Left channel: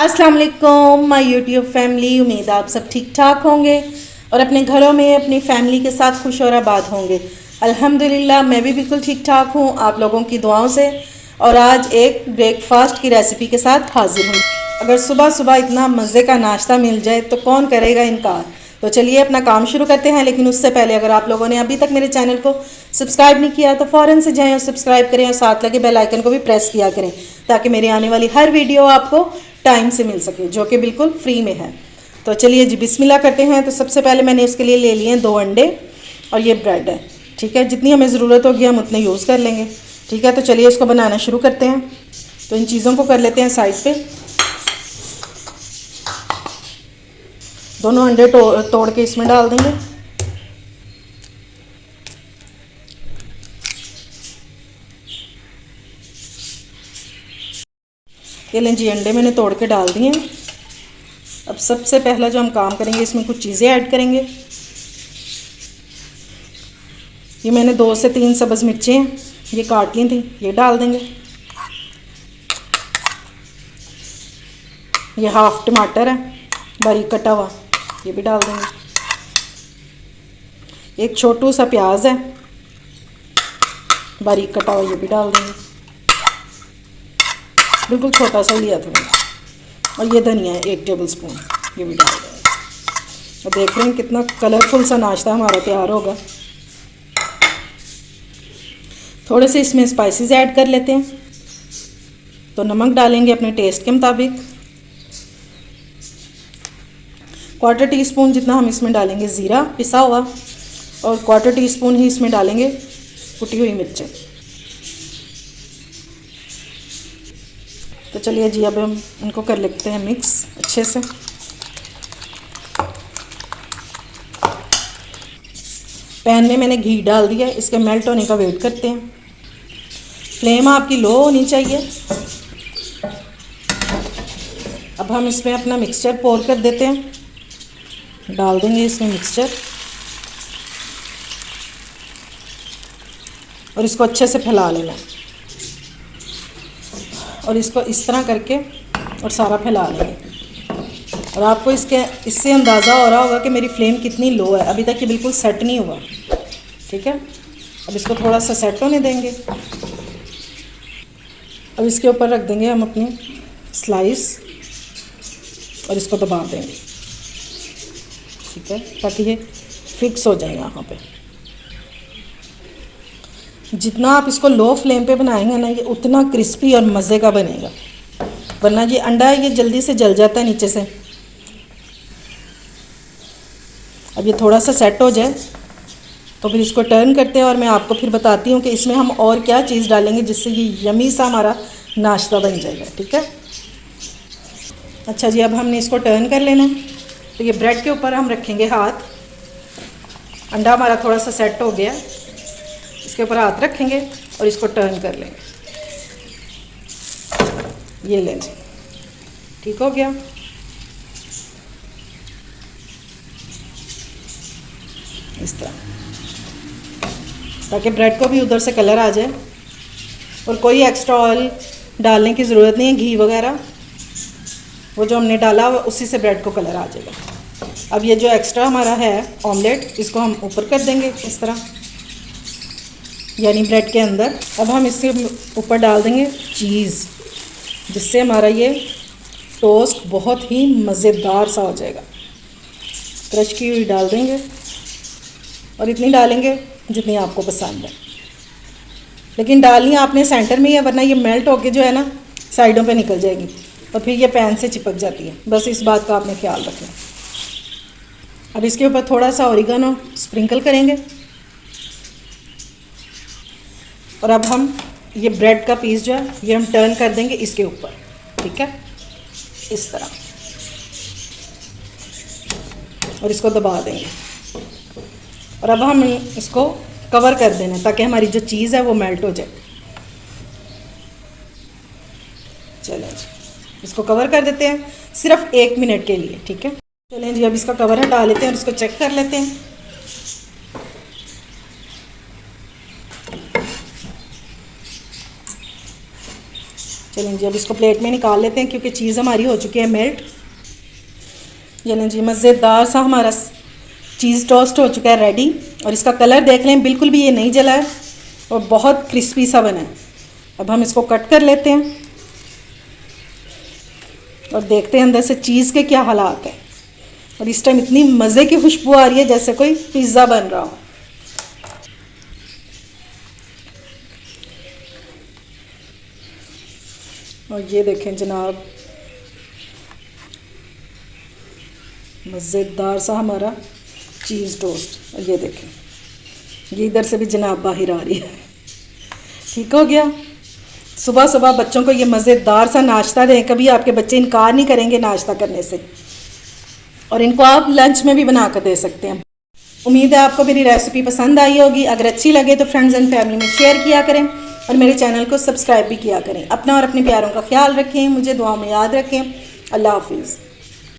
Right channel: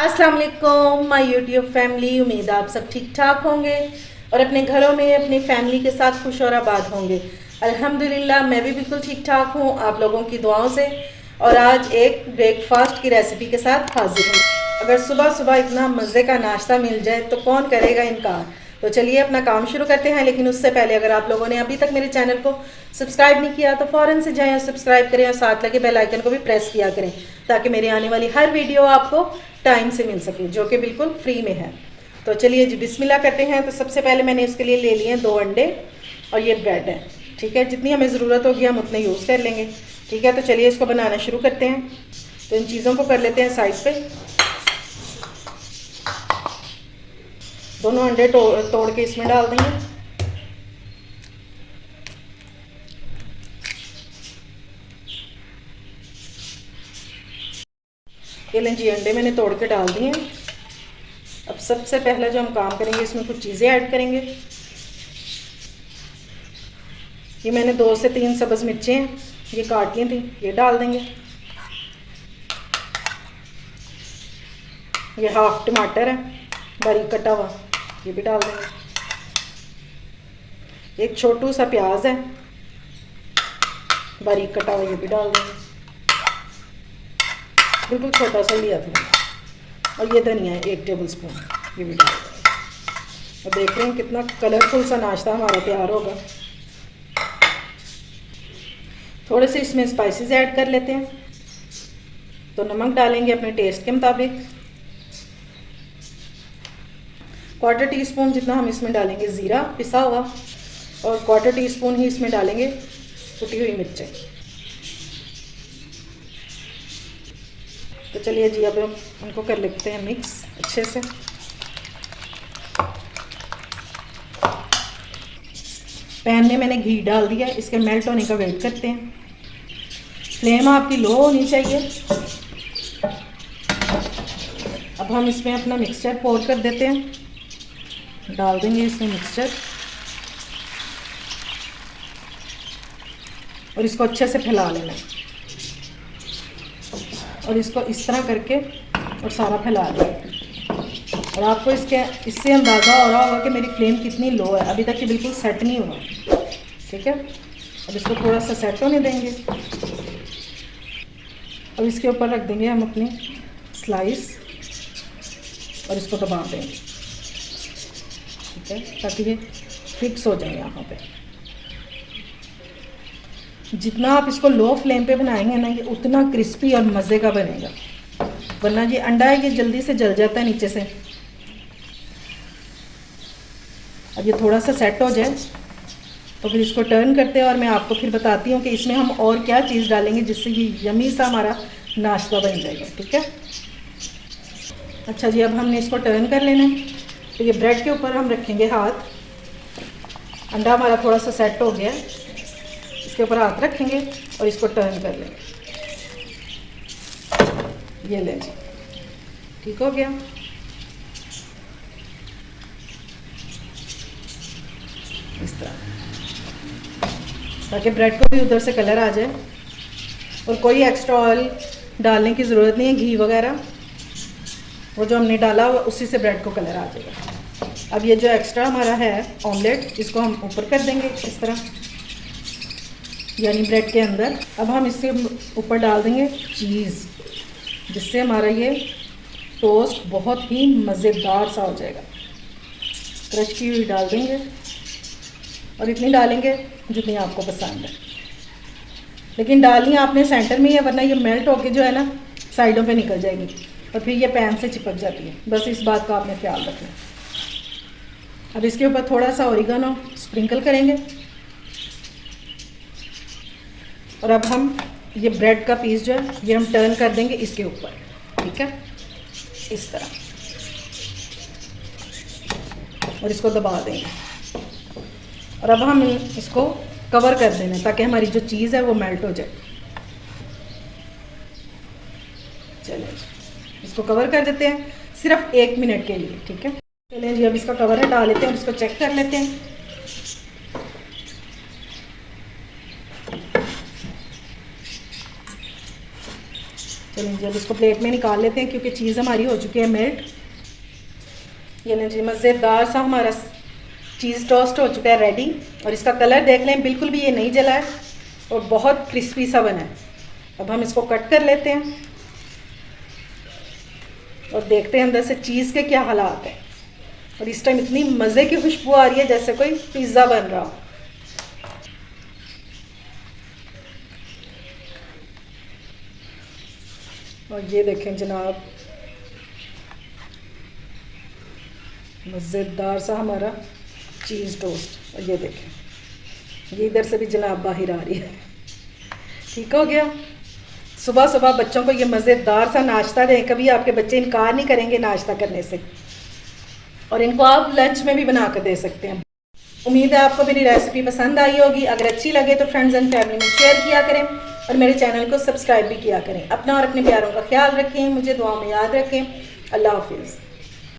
अस्सलाम वालेकुम my YouTube family. उम्मीद आप सब ठीक ठाक होंगे और अपने घरों में अपनी फैमिली के साथ खुश और आबाद होंगे। अल्हम्दुलिल्लाह मैं भी बिल्कुल ठीक ठाक हूँ आप लोगों की दुआओं से। और आज एक ब्रेकफास्ट की रेसिपी के साथ हाजिर हूँ। अगर सुबह सुबह इतना मज़े का नाश्ता मिल जाए तो कौन करेगा इनकार। तो चलिए अपना काम शुरू करते हैं, लेकिन उससे पहले अगर आप लोगों ने अभी तक मेरे चैनल को सब्सक्राइब नहीं किया तो फ़ौरन से जाएं और सब्सक्राइब करें और साथ लगे बेल आइकन को भी प्रेस किया करें ताकि मेरी आने वाली हर वीडियो आपको टाइम से मिल सके, जो कि बिल्कुल फ्री में है। तो चलिए जी बिस्मिल्लाह करते हैं। तो सबसे पहले मैंने इसके लिए ले लिए हैं 2 अंडे और ये ब्रेड है। ठीक है, जितनी हमें ज़रूरत होगी हम उतने यूज़ कर लेंगे। ठीक है, तो चलिए इसको बनाना शुरू करते हैं। तो इन चीज़ों को कर लेते हैं साइड पे। दोनों अंडे तोड़ के इसमें डाल देंगे। ये लें जी, अंडे मैंने तोड़ के डाल दिए हैं। अब सबसे पहला जो हम काम करेंगे, इसमें कुछ चीज़ें ऐड करेंगे। ये मैंने 2 से 3 सब्ज़ मिर्चें हैं, ये काट ली थी, ये डाल देंगे। ये हाफ टमाटर है बारीक कटा हुआ, ये भी डाल देंगे। एक छोटू सा प्याज है बारीक कटा हुआ, ये भी डाल देंगे। बिल्कुल छोटा सा लिया था मैंने। और ये धनिया है 1 टेबल स्पून, ये भी डाल देंगे। और देख रहे हैं कितना कलरफुल सा नाश्ता हमारा तैयार होगा। थोड़े से इसमें स्पाइसेस ऐड कर लेते हैं। तो नमक डालेंगे अपने टेस्ट के मुताबिक। 1/4 टीस्पून जितना हम इसमें डालेंगे ज़ीरा पिसा हुआ, और 1/4 टीस्पून ही इसमें डालेंगे कुटी हुई मिर्चें। तो चलिए जी अब हम इनको कर लेते हैं मिक्स अच्छे से। पैन में मैंने घी डाल दिया, इसके मेल्ट होने का वेट करते हैं। फ्लेम आपकी लो होनी चाहिए। अब हम इसमें अपना मिक्सचर पोर कर देते हैं, डाल देंगे इसमें मिक्सचर और इसको अच्छे से फैला लेना। और इसको इस तरह करके और सारा फैला लेंगे। और आपको इससे अंदाज़ा हो रहा होगा कि मेरी फ्लेम कितनी लो है, अभी तक ये बिल्कुल सेट नहीं हुआ। ठीक है, अब इसको थोड़ा सा सेट होने देंगे। अब इसके ऊपर रख देंगे हम अपनी स्लाइस और इसको दबा देंगे। ठीक है, ताकि ये फिक्स हो जाए यहाँ पे। जितना आप इसको लो फ्लेम पे बनाएंगे ना, ये उतना क्रिस्पी और मज़े का बनेगा। वरना ये अंडा है, ये जल्दी से जल जाता है नीचे से। अब ये थोड़ा सा सेट हो जाए तो फिर इसको टर्न करते हैं और मैं आपको फिर बताती हूँ कि इसमें हम और क्या चीज़ डालेंगे जिससे ये यमी सा हमारा नाश्ता बन जाएगा। ठीक है, अच्छा जी अब हमने इसको टर्न कर लेना है। तो ये ब्रेड के ऊपर हम रखेंगे हाथ। अंडा हमारा थोड़ा सा सेट हो गया, इसके ऊपर हाथ रखेंगे और इसको टर्न कर लेंगे। ये लें जी, ठीक हो गया। इस तरह, ताकि ब्रेड को भी उधर से कलर आ जाए। और कोई एक्स्ट्रा ऑयल डालने की ज़रूरत नहीं है, घी वगैरह वो जो हमने डाला उसी से ब्रेड को कलर आ जाएगा। अब ये जो एक्स्ट्रा हमारा है ऑमलेट, इसको हम ऊपर कर देंगे इस तरह, यानी ब्रेड के अंदर। अब हम इसके ऊपर डाल देंगे चीज़, जिससे हमारा ये टोस्ट बहुत ही मज़ेदार सा हो जाएगा। क्रश की हुई डाल देंगे और इतनी डालेंगे जितनी आपको पसंद है, लेकिन डालनी आपने सेंटर में ही है, वरना ये मेल्ट होके जो है ना साइडों पे निकल जाएगी और फिर ये पैन से चिपक जाती है। बस इस बात का आपने ख्याल रखना। अब इसके ऊपर थोड़ा सा ऑरिगेनो स्प्रिंकल करेंगे। और अब हम ये ब्रेड का पीस जो है ये हम टर्न कर देंगे इसके ऊपर। ठीक है, इस तरह, और इसको दबा देंगे। और अब हम इसको कवर कर देना है ताकि हमारी जो चीज़ है वो मेल्ट हो जाए। चलें जी, इसको कवर कर देते हैं सिर्फ 1 मिनट के लिए। ठीक है, चलें जी अब इसका कवर हटा लेते हैं और इसको चेक कर लेते हैं। चलें जी, अब इसको प्लेट में निकाल लेते हैं क्योंकि चीज़ हमारी हो चुकी है मेल्ट। ये लें जी, मज़ेदार सा हमारा चीज़ टोस्ट हो चुका है रेडी। और इसका कलर देख लें, बिल्कुल भी ये नहीं जला है और बहुत क्रिस्पी सा बना है। अब हम इसको कट कर लेते हैं और देखते हैं अंदर से चीज़ के क्या हालात हैं। और इस टाइम इतनी मज़े की खुशबू आ रही है जैसे कोई पिज़्ज़ा बन रहा हो। और ये देखें जनाब, मज़ेदार सा हमारा चीज़ टोस्ट। और ये देखें, ये इधर से भी जनाब बाहर आ रही है। ठीक हो गया। सुबह सुबह बच्चों को ये मज़ेदार सा नाश्ता दें, कभी आपके बच्चे इनकार नहीं करेंगे नाश्ता करने से। और इनको आप लंच में भी बना कर दे सकते हैं। उम्मीद है आपको मेरी रेसिपी पसंद आई होगी। अगर अच्छी लगे तो फ्रेंड्स एंड फैमिली में शेयर किया करें और मेरे चैनल को सब्सक्राइब भी किया करें। अपना और अपने प्यारों का ख्याल रखें, मुझे दुआओं में याद रखें। अल्लाह हाफिज़।